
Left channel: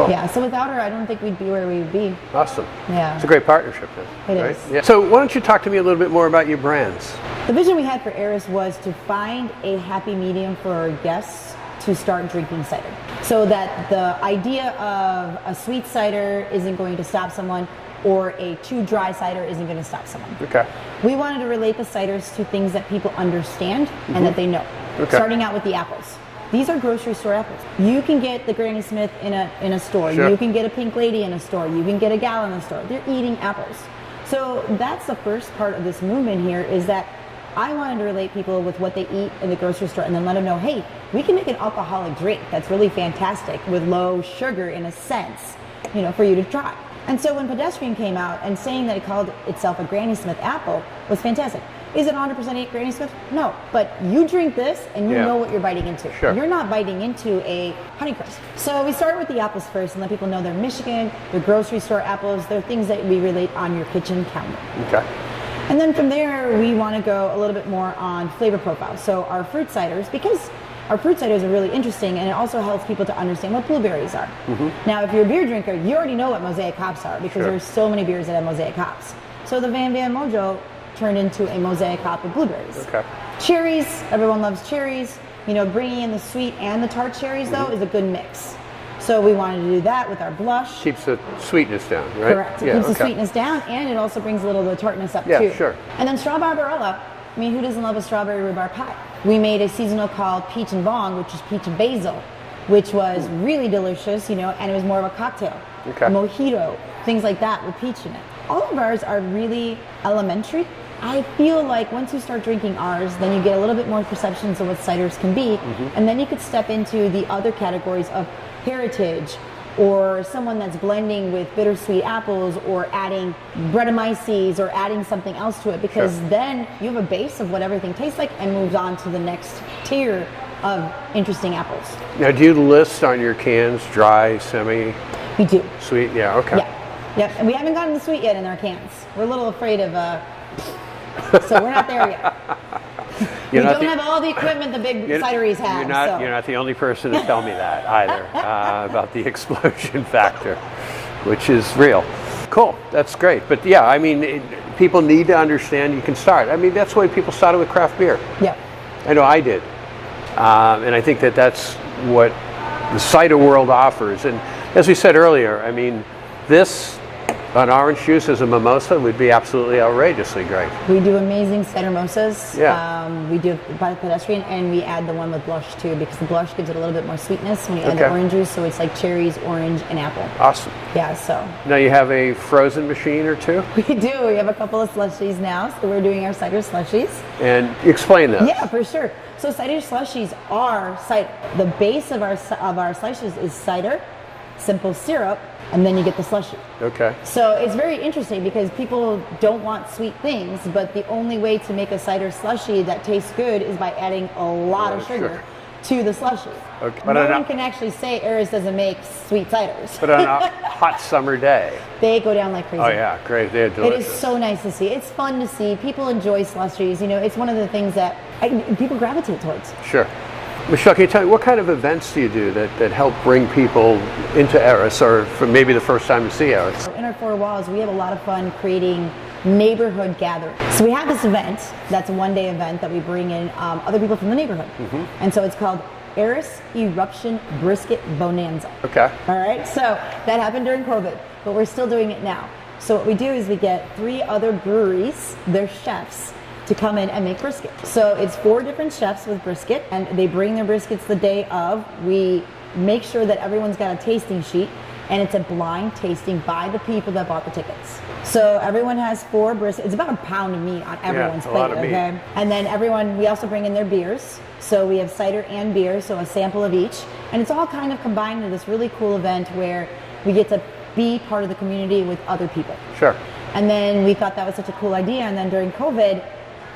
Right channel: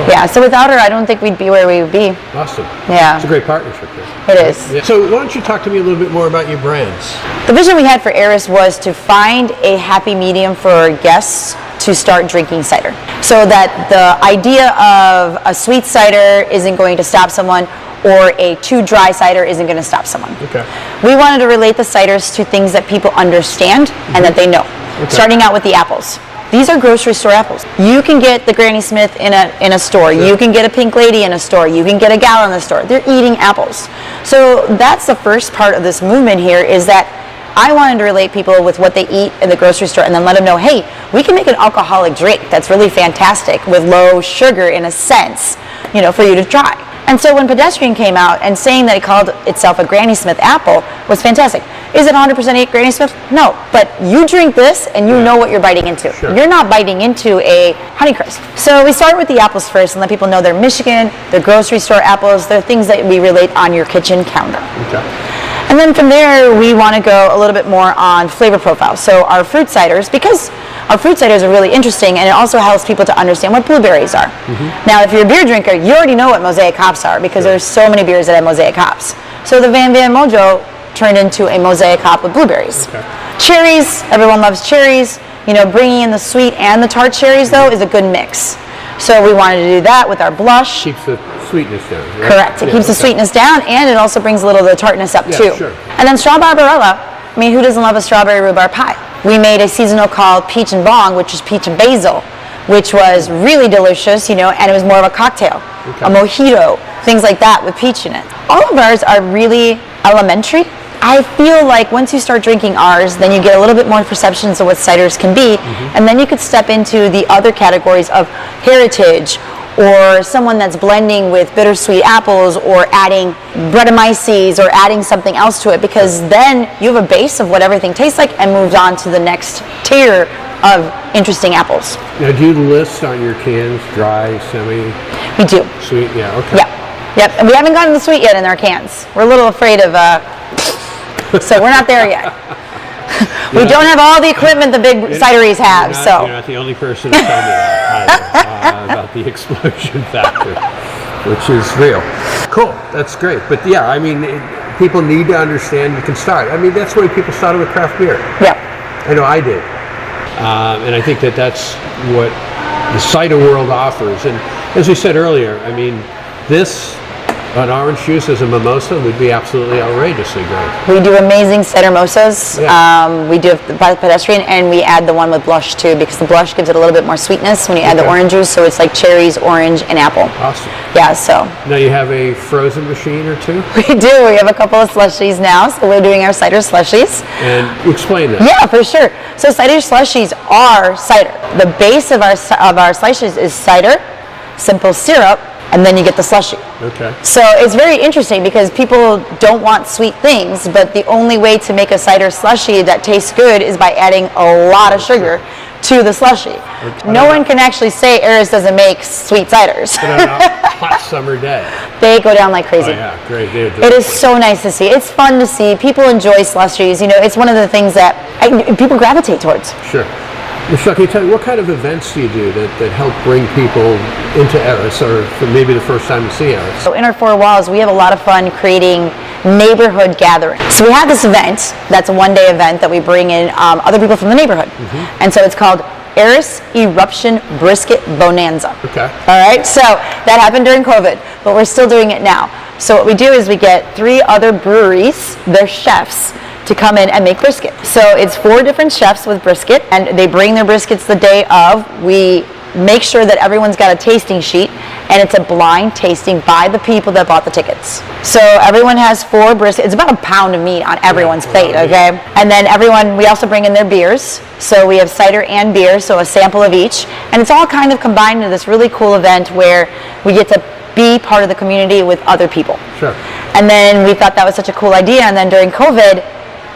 Yeah, so without her, I don't think we'd be where we would be. Awesome. Yeah. It's a great partnership there. It is. Yeah. So why don't you talk to me a little bit more about your brands? The vision we had for Eris was to find a happy medium for our guests to start drinking cider, so that the idea of a sweet cider isn't going to stop someone, or a too dry cider isn't going to stop someone. Okay. We wanted to relate the ciders to things that people understand and that they know. Okay. Starting out with the apples. These are grocery store apples. You can get the Granny Smith in a store. Sure. You can get a Pink Lady in a store. You can get a gal in the store. They're eating apples. So that's the first part of this movement here, is that I wanted to relate people with what they eat in the grocery store, and then let them know, hey, we can make an alcoholic drink that's really fantastic with low sugar, in a sense, for you to try. And so when Pedestrian came out and saying that it called itself a Granny Smith apple was fantastic. Is it 100% Granny Smith? No, but you drink this and you know what you're biting into. Sure. You're not biting into a Honeycrisp. So we start with the apples first and let people know they're Michigan, they're grocery store apples, they're things that we relate on your kitchen counter. Okay. And then from there, we want to go a little bit more on flavor profile. So our fruit ciders, because our fruit ciders are really interesting, and it also helps people to understand what blueberries are. Now, if you're a beer drinker, you already know what Mosaic hops are, because there's so many beers that have Mosaic hops. So the Van Van Mojo turned into a Mosaic hop with blueberries. Okay. Cherries, everyone loves cherries. Bringing in the sweet and the tart cherries, though, is a good mix. So we wanted to do that with our blush. Keeps the sweetness down, right? Correct. It keeps the sweetness down, and it also brings a little of the tartness up too. Sure. And then straw barbarella. I mean, who doesn't love a strawberry rhubarb pie? We made a seasonal called Peach and Bong, which is peach and basil, which was really delicious, and it was more of a cocktail, a mojito, things like that with peach in it. All of ours are really elementary. I feel like once you start drinking ours, then you get a little bit more perceptions of what ciders can be, and then you could step into the other categories of heritage, or someone that's blending with bittersweet apples, or adding Brettanomyces, or adding something else to it, because then you have a base of what everything tastes like and moves on to the next tier of interesting apples. Now, do you list on your cans dry, semi, We do. sweet? Yeah, okay. Yep. And we haven't gotten the sweet yet in our cans. We're a little afraid of, so we're not there yet. We don't have all the equipment the big cideries have, so. You're not the only person to tell me that either, about the explosion factor, which is real. Cool, that's great. But yeah, I mean, people need to understand you can start. I mean, that's why people started with craft beer. Yeah. I know I did. And I think that that's what the cider world offers. And as we said earlier, I mean, an orange juice as a mimosa would be absolutely outrageously great. We do amazing cider mimosas. Yeah. We do the Pedestrian, and we add the one with blush too, because the blush gives it a little bit more sweetness when you add the orange juice, so it's like cherries, orange, and apple. Awesome. Yeah, so. Now you have a frozen machine or two? We do. We have a couple of slushies now, so we're doing our cider slushies. And explain that. Yeah, for sure. So cider slushies are cider. The base of our slushies is cider, simple syrup, and then you get the slushie. Okay. So it's very interesting, because people don't want sweet things, but the only way to make a cider slushie that tastes good is by adding a lot of sugar to the slushie. No one can actually say Eris doesn't make sweet ciders. But on a hot summer day. They go down like crazy. Oh yeah, great. It is so nice to see. It's fun to see. People enjoy slushies. It's one of the things that people gravitate towards. Sure. Michelle, can you tell me, what kind of events do you do that help bring people into Eris, or for maybe the first time to see Eris? So in our four walls, we have a lot of fun creating neighborhood gatherings. So we have this event, that's a one-day event that we bring in other people from the neighborhood. And so it's called Eris Eruption Brisket Bonanza. Okay. All right, so that happened during COVID, but we're still doing it now. So what we do is we get 3 other breweries, their chefs, to come in and make brisket. So it's 4 different chefs with brisket, and they bring their briskets the day of. We make sure that everyone's got a tasting sheet, and it's a blind tasting by the people that bought the tickets. So everyone has 4 briskets. It's about a pound of meat on everyone's plate, okay? And then we also bring in their beers. So we have cider and beer, so a sample of each. And it's all kind of combined into this really cool event where we get to be part of the community with other people. Sure. And then we thought that was such a cool idea, and then during COVID,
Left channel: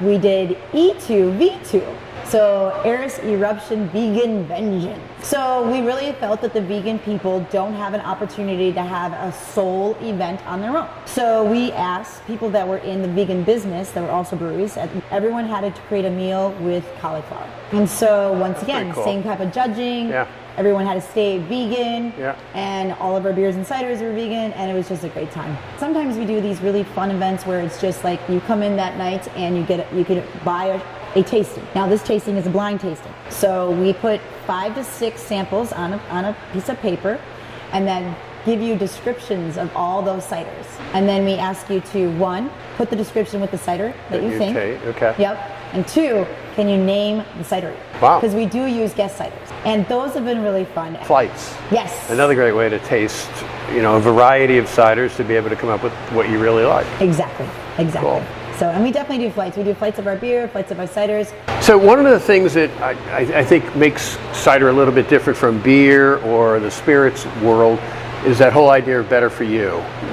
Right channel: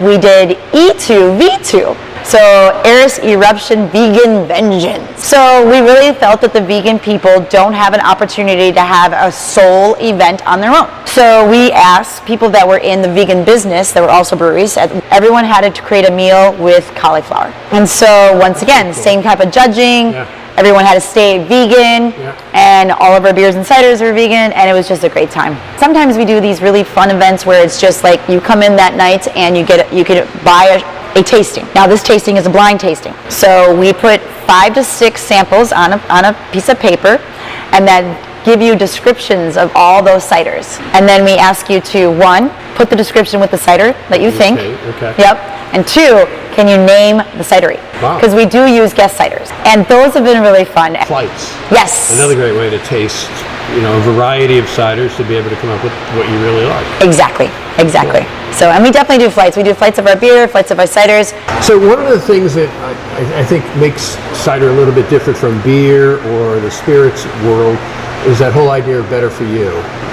we did E2V2. So Eris Eruption Vegan Vengeance. So we really felt that the vegan people don't have an opportunity to have a sole event on their own. So we asked people that were in the vegan business, that were also breweries, everyone had to create a meal with cauliflower. And so once again, same type of judging. Yeah. Everyone had to stay vegan, and all of our beers and ciders were vegan, and it was just a great time. Sometimes we do these really fun events where it's just like you come in that night and you could buy a tasting. Now this tasting is a blind tasting. So we put 5 to 6 samples on a piece of paper, and then give you descriptions of all those ciders. And then we ask you to, 1, put the description with the cider that you think. Okay. Yep. And 2, can you name the cidery? Wow. Because we do use guest ciders. And those have been really fun. Flights. Yes. Another great way to taste, a variety of ciders to be able to come up with what you really like. Exactly. Cool. So, and we definitely do flights. We do flights of our beer, flights of our ciders. So one of the things that I think makes cider a little bit different from beer or the spirits world is that whole idea of better for you,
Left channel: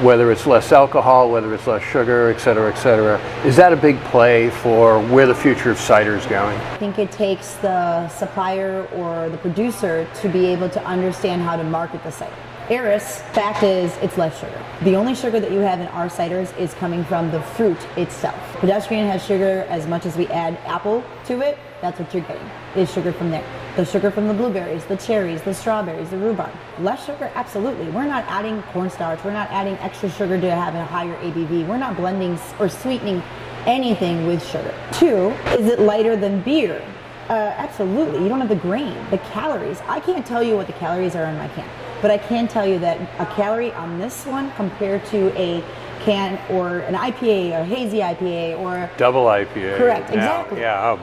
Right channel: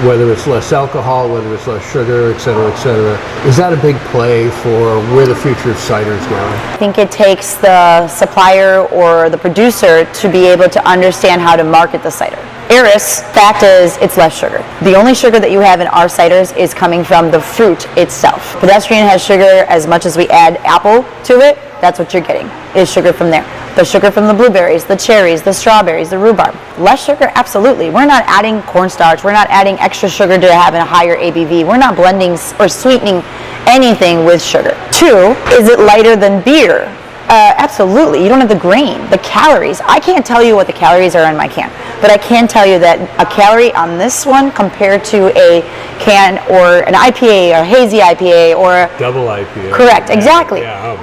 whether it's less alcohol, whether it's less sugar, et cetera, et cetera. Is that a big play for where the future of cider is going? I think it takes the supplier or the producer to be able to understand how to market the cider. Eris, fact is, it's less sugar. The only sugar that you have in our ciders is coming from the fruit itself. Pedestrian has sugar. As much as we add apple to it, that's what you're getting, is sugar from there. The sugar from the blueberries, the cherries, the strawberries, the rhubarb. Less sugar, absolutely. We're not adding cornstarch. We're not adding extra sugar to have a higher ABV. We're not blending or sweetening anything with sugar. 2, is it lighter than beer? Absolutely. You don't have the grain, the calories. I can't tell you what the calories are in my can, but I can tell you that a calorie on this one compared to a can or an IPA or hazy IPA or double IPA. Correct, exactly.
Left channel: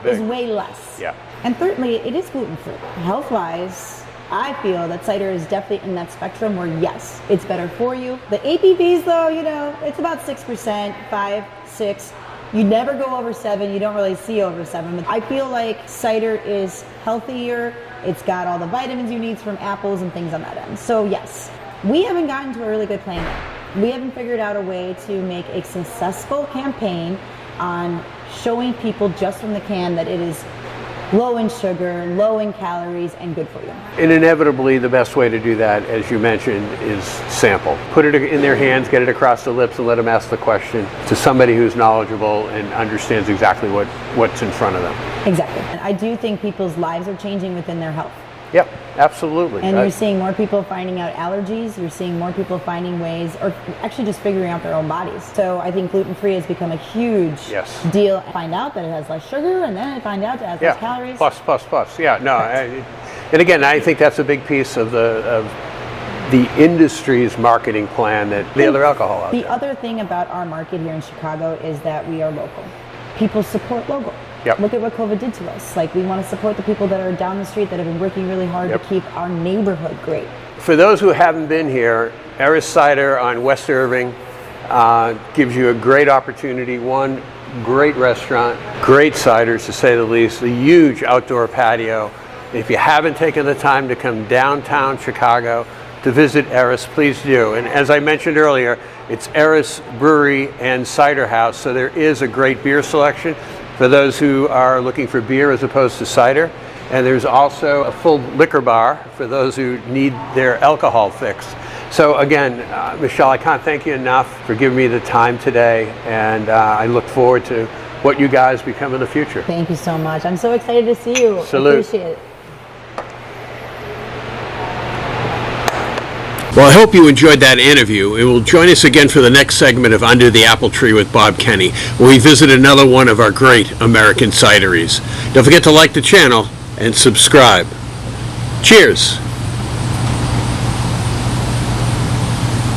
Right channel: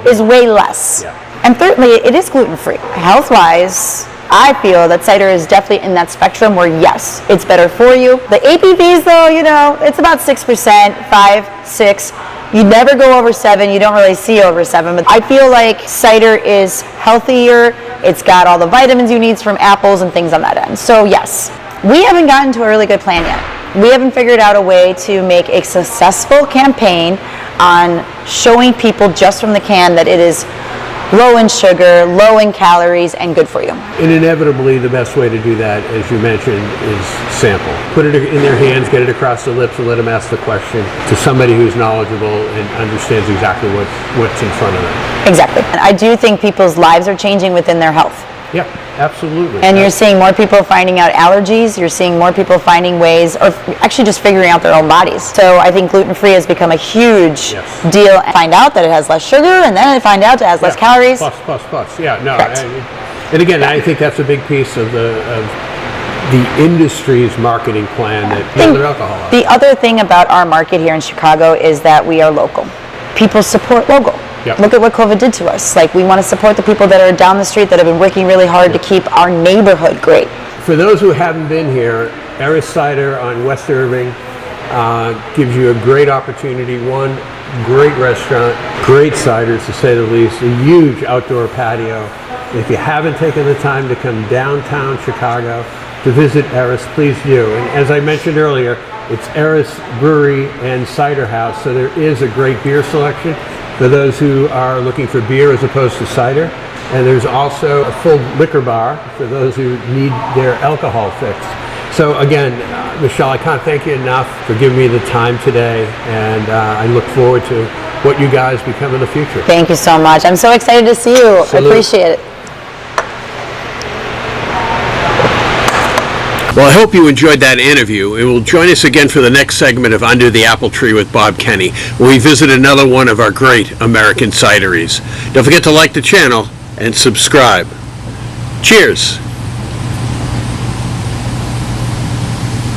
Is way less. Yeah. And thirdly, it is gluten-free. Health-wise, I feel that cider is definitely in that spectrum where, yes, it's better for you. The ABVs, though, it's about 6%, 5, 6. You never go over 7. You don't really see over 7. But I feel like cider is healthier. It's got all the vitamins you need from apples and things on that end. So, yes, we haven't gotten to a really good plan yet. We haven't figured out a way to make a successful campaign on showing people just from the can that it is low in sugar, low in calories, and good for you. And inevitably, the best way to do that, as you mentioned, is sample. Put it in their hands, get it across the lips, and let them ask the question to somebody who's knowledgeable and understands exactly what's in front of them. Exactly. And I do think people's lives are changing within their health. Yep, absolutely. And you're seeing more people finding out allergies. You're seeing more people finding ways, or actually just figuring out their own bodies. So I think gluten-free has become a huge deal. Find out that it has less sugar, and then find out it has less calories. Plus. Yeah, no. And again, I think that's a big piece of the industry's marketing plan that other alcohol are. The other thing about our market here in Chicago is that we are local. People support local. Yep. Look at what COVID did to us. Like, we want to support the people that are down the street that have been working really hard to keep our neighborhood great. For those who haven't been here, Eris Cider on West Irving gives you a great opportunity. One, great restaurant, great ciders to say the least, a huge outdoor patio. If you haven't taken the time to come downtown Chicago to visit Eris, please do. And as I mentioned earlier, it's Eris Brewery and Cider House, so there is a great beer selection for those who are looking for beer as opposed to cider. And there's also a full liquor bar for those who need their alcohol fixed. So again, Michelle, I can't thank you enough for giving me the time today, and I look forward to what you guys become in the future. Thank you so much. I'm so excited to see you. Salute. I appreciate it. Well, I hope you enjoyed that interview, and will join us again for the next segment of Under the Apple Tree with Bob Kenny, where we visit another one of our great American cideries. Don't forget to like the channel and subscribe. Cheers.